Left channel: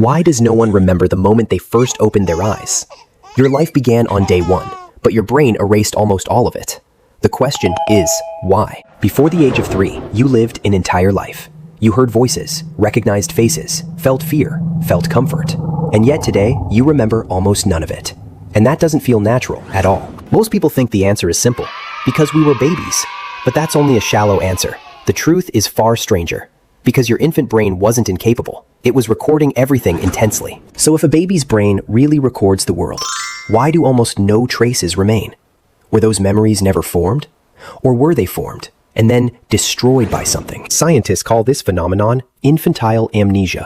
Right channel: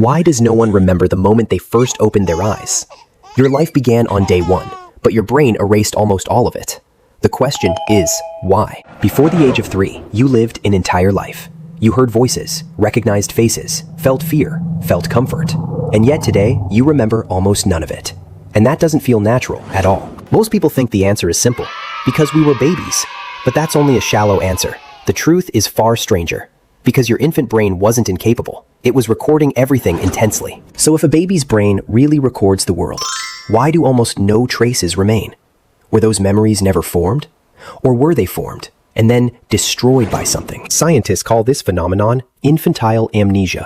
Why does no one remember the moment they first opened their eyes? Your life began on day one, but your brain erased almost all of it. The question is, why? Before the age of 3, you lived an entire life. You heard voices, recognized faces, felt fear, felt comfort. And yet today, you remember almost none of it. And that doesn't feel natural at all. Most people think the answer is simple, because we were babies. But that's only a shallow answer. The truth is far stranger. Because your infant brain wasn't incapable. It was recording everything intensely. So if a baby's brain really records the world, why do almost no traces remain? Were those memories never formed? Or were they formed and then destroyed by something? Scientists call this phenomenon infantile amnesia.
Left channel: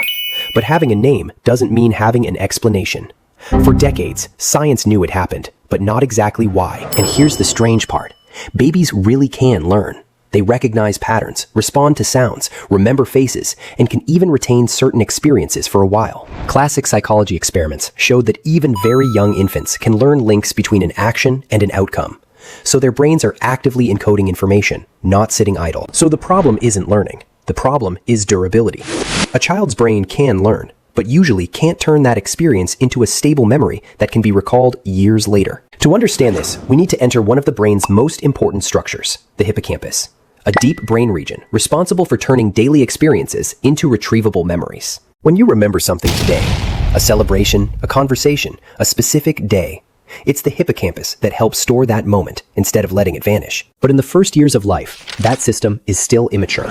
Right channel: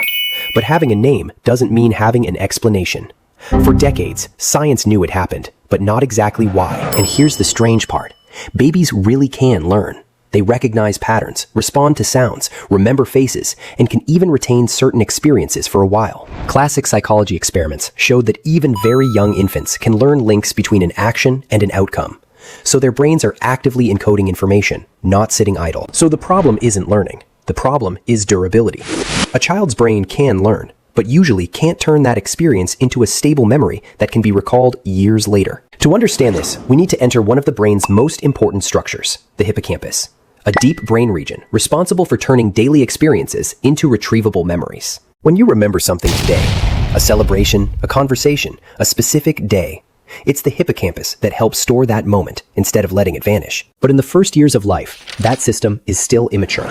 But having a name doesn't mean having an explanation. For decades, science knew it happened, but not exactly why. And here's the strange part. Babies really can learn. They recognize patterns, respond to sounds, remember faces, and can even retain certain experiences for a while. Classic psychology experiments showed that even very young infants can learn links between an action and an outcome. So their brains are actively encoding information, not sitting idle. So the problem isn't learning. The problem is durability. A child's brain can learn, but usually can't turn that experience into a stable memory that can be recalled years later. To understand this, we need to enter one of the brain's most important structures, the hippocampus, a deep brain region responsible for turning daily experiences into retrievable memories. When you remember something today, a celebration, a conversation, a specific day, it's the hippocampus that helps store that moment instead of letting it vanish. But in the first years of life, that system is still immature.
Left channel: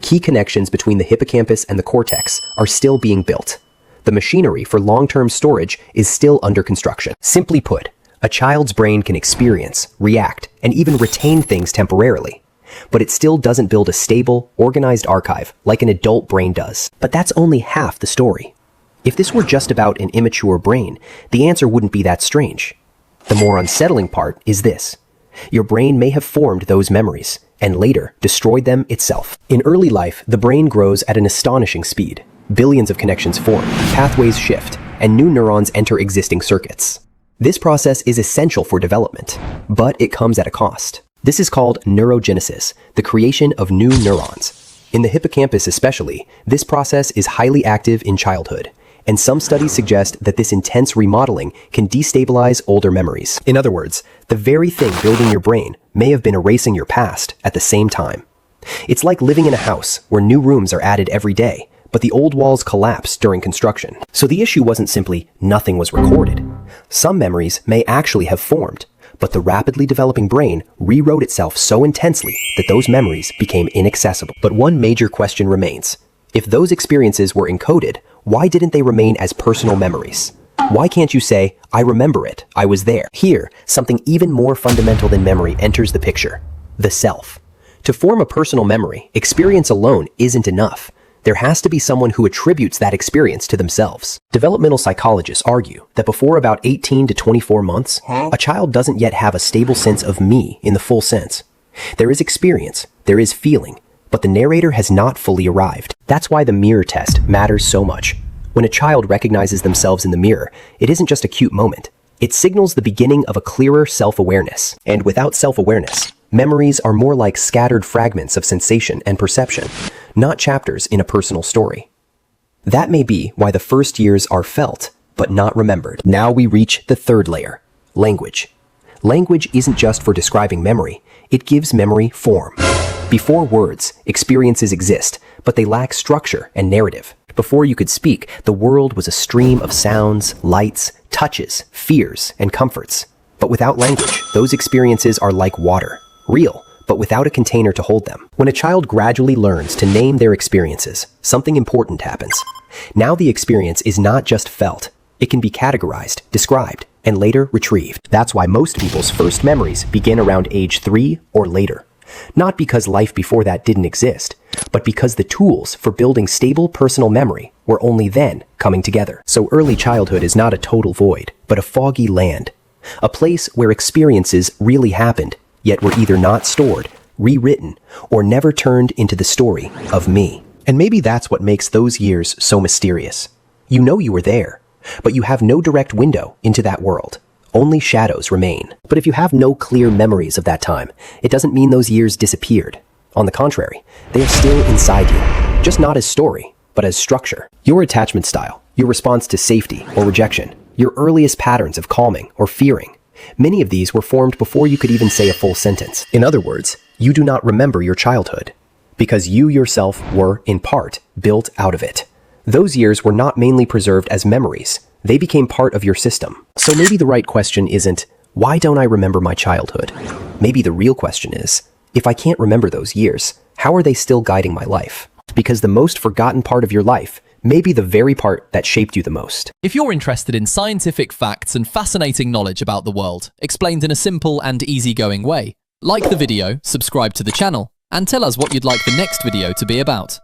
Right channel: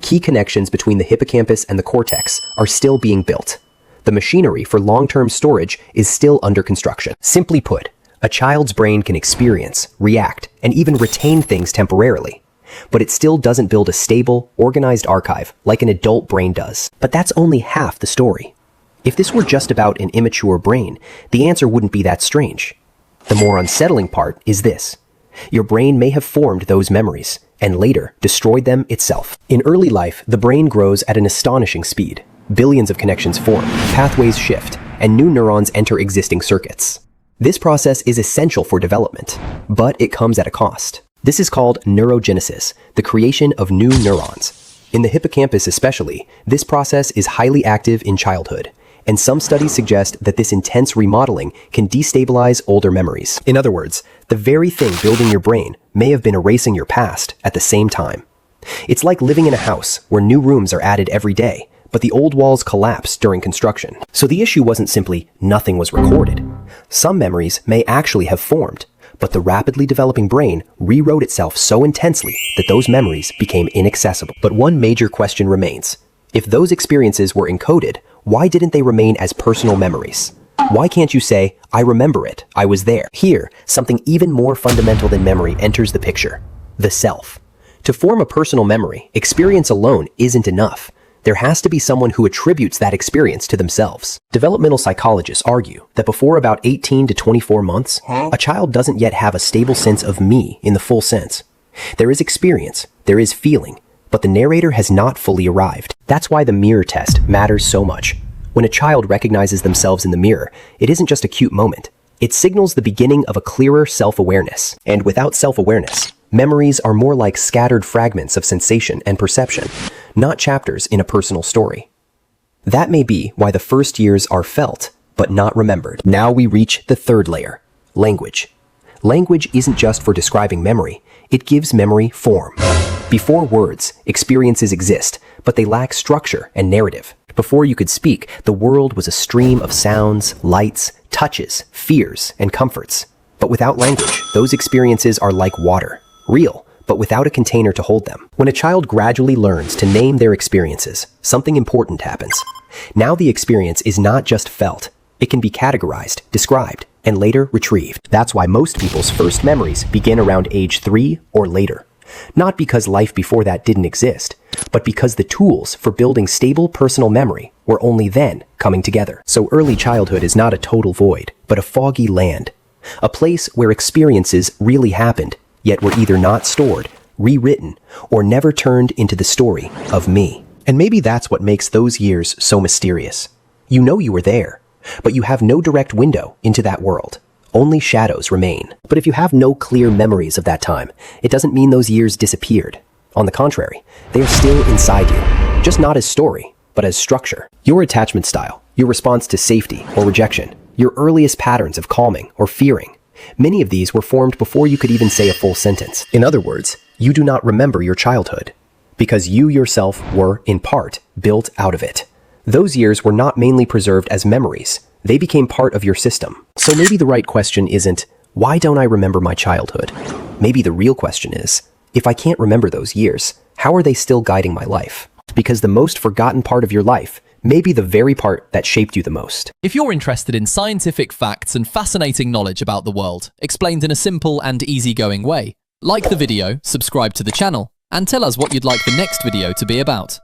Key connections between the hippocampus and the cortex are still being built. The machinery for long-term storage is still under construction. Simply put, a child's brain can experience, react, and even retain things temporarily. But it still doesn't build a stable, organized archive like an adult brain does. But that's only half the story. If this were just about an immature brain, the answer wouldn't be that strange. The more unsettling part is this. Your brain may have formed those memories, and later destroyed them itself. In early life, the brain grows at an astonishing speed. Billions of connections form, pathways shift, and new neurons enter existing circuits. This process is essential for development, but it comes at a cost. This is called neurogenesis, the creation of new neurons. In the hippocampus especially, this process is highly active in childhood, and some studies suggest that this intense remodeling can destabilize older memories. In other words, the very thing building your brain may have been erasing your past at the same time. It's like living in a house where new rooms are added every day, but the old walls collapse during construction. So the issue wasn't simply nothing was recorded. Some memories may actually have formed, but the rapidly developing brain rewrote itself so intensely that those memories became inaccessible. But one major question remains. If those experiences were encoded, why didn't they remain as personal memories? Why can't you say, I remember it, I was there? Here, something even more fundamental than memory enters the picture, the self. To form a personal memory, experience alone isn't enough. There has to be someone who attributes that experience to themselves. Developmental psychologists argue that before about 18 to 24 months, a child doesn't yet have a stable sense of me in the full sense. There is experience, there is feeling, but the narrator has not fully arrived. That's why the mirror test matters so much. When a child recognizes themselves in the mirror, it isn't just a cute moment. It signals the beginning of a clearer self-awareness. And without self-awareness, memories are more like scattered fragments of sensation and perception, not chapters in a personal story. That may be why the first years are felt, but not remembered. Now we reach the third layer, language. Language isn't just for describing memory, it gives memory form. Before words, experiences exist, but they lack structure and narrative. Before you could speak, the world was a stream of sounds, lights, touches, fears, and comforts. But without language, those experiences are like water, real, but without a container to hold them. When a child gradually learns to name their experiences, something important happens. Now the experience is not just felt, it can be categorized, described, and later retrieved. That's why most people's first memories begin around age 3 or later. Not because life before that didn't exist, but because the tools for building stable personal memory were only then coming together. So early childhood is not a total void, but a foggy land. A place where experiences really happened, yet were either not stored, rewritten, or never turned into the story of me. And maybe that's what makes those years so mysterious. You know you were there, but you have no direct window into that world. Only shadows remain. But if you have no clear memories of that time, it doesn't mean those years disappeared. On the contrary, they are still inside you. Just not as story, but as structure. Your attachment style, your response to safety or rejection, your earliest patterns of calming or fearing. Many of these were formed before you could even say a full sentence. In other words, you do not remember your childhood because you yourself were, in part, built out of it. Those years were not mainly preserved as memories. They became part of your system. So maybe the right question isn't, why don't I remember my childhood? Maybe the real question is, if I can't remember those years, how are they still guiding my life? Because the most forgotten part of your life may be the very part that shaped you the most. If you're interested in scientific facts and fascinating knowledge about the world, explained in a simple and easygoing way, like the video, subscribe to the channel, and tell us what you'd like the next video to be about.